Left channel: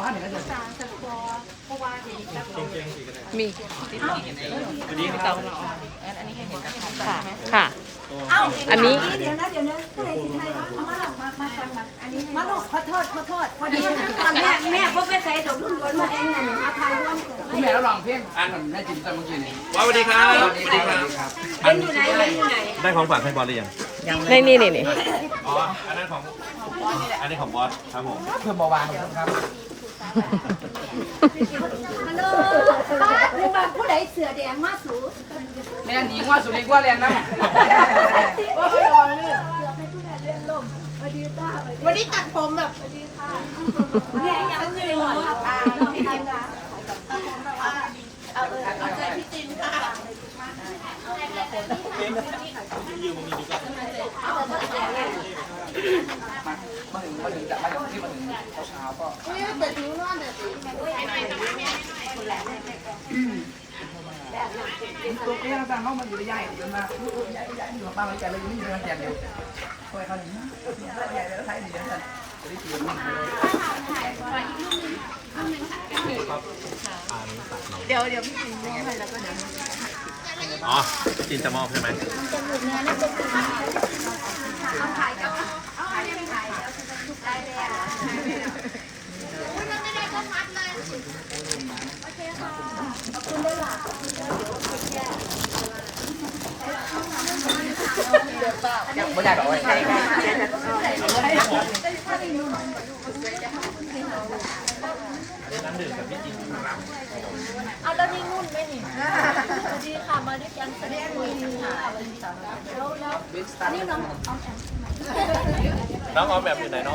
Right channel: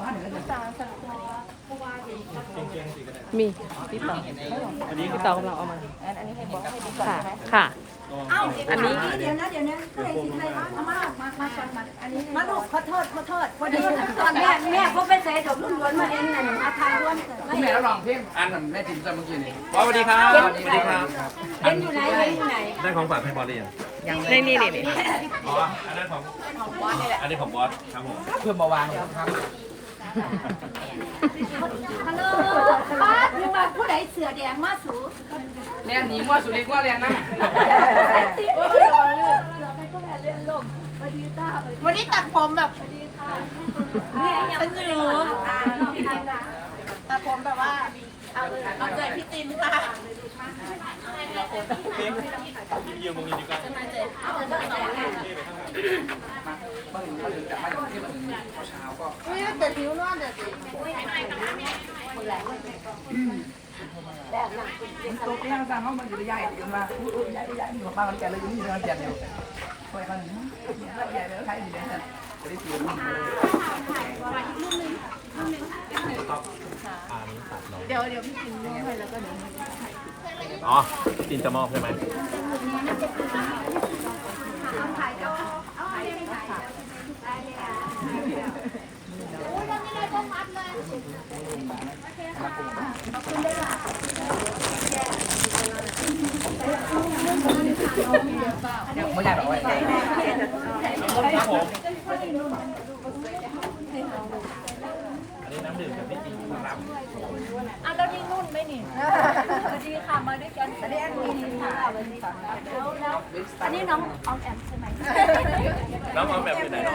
บ้านไหนก็จะมีอันนี้พี่เต๋ากำลังเอามาค่ะค่ะ อันนี้เดี๋ยวนะเดี๋ยวนะก็เลยสิไทยเอามามามากันมาอันนี้มาลูกขอโทษขอโทษพอดีแม่แม่พวกไปใส่ดอกรุ่นวนมาเองนั่นอาคารร่วมเกิดคุณแม่เราลองเพลงอ่านแม่จิ๋มตอนเมื่อกี้นี่สวัสดีครับสวัสดีครับเอ็นอยู่ไหนเอ็นอยู่ไหนได้ของฝากให้บอสหรือยังในนี่นี่นี่อ๋ออันนั้นของอันนี้ของบอสครับผมเพื่อมาวางครับ ฮัลโหลผู้บ่ผู้ใดเสือแดงมาสูแม่หนีว่าสุริว่าแรงนะวันนี้ตัดผมแบบเนี่ยฉันอยู่ตัดผมแบบว่าเอาใจพี่ตินค่ะ ตัวแก้วสร้างเขามันอยู่ใหญ่เดี๋ยวมาใหญ่ใหญ่หนึ่งบ้านแกเลยอยู่นี่มันแจกอยู่คอยเขาหนีเนี่ยใหญ่แล้วใครหนีกันจะได้เปลี่ยนมันเลยเดี๋ยวเดี๋ยวพี่ตินมองให้แล้วก็เดี๋ยวอ๋อจินจะมอบใช่ไหม ไม่อยาก เอาไว้อันนี้น้ำดื่มกับพี่จินครับเอาแล้วนี่นุ่นไหมนี่สวัสดีค่ะมาด้วยกันแสดงมีค่ะสวัสดีค่ะแล้วแล้วอันนี้น้องออมแอมใช่ไหมน้ำเอาแบบอยู่ไหนเนาะ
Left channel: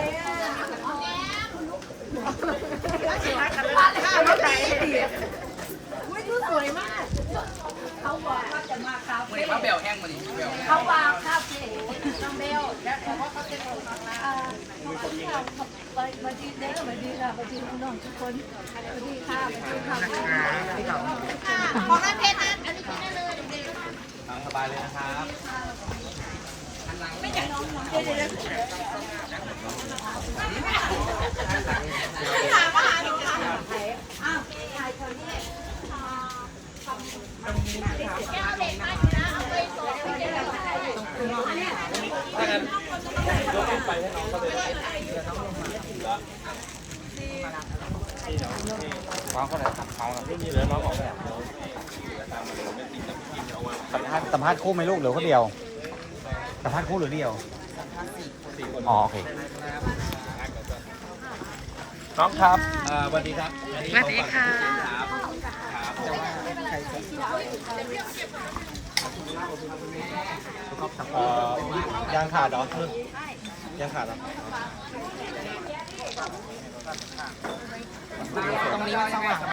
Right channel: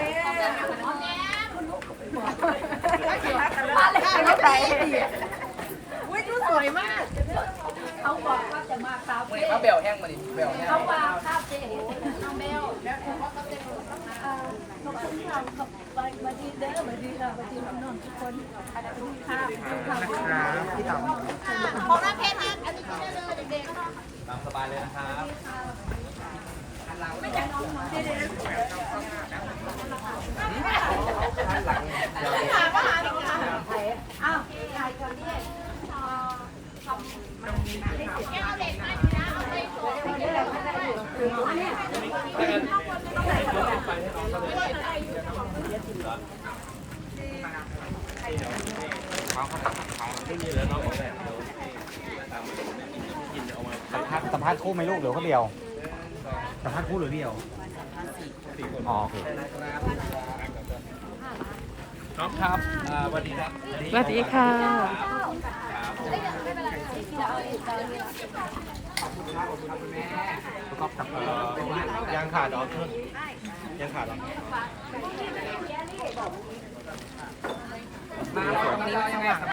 อุ้ยดูสวยมาก เขาบอกว่าจะมาคาเฟ่มาเบลแห้งมาดิเบลเขาวางคาเฟ่น้องเบลแล้วเขาก็จะเอ่อขาบอกที่เราขับไปมาดีเด้อมาดีค่ะมาดีน้องทุกคนมาดีค่ะมาดีค่ะมาดีน้องทุกคนของน้ำเพชรนะอันนี้กินได้เลยเด็กตามสบายเลยนะครับไม่ใช่น้อ้าวถ่ายคนนี้อันนี้ ว้าวเขาไหนเขาไม่มีเลยน้องออกแบบสัมภาษณ์คู่ไหมลูกหรือคนเดียวสัมภาษณ์คู่หรือเดียวอ๋อโอเคน้องครับอ่าสวัสดีครับสวัสดีค่ะครับผมประกอบกับยังขาดเหรอยังขาดเหรอ มาเราเรายังไงครับ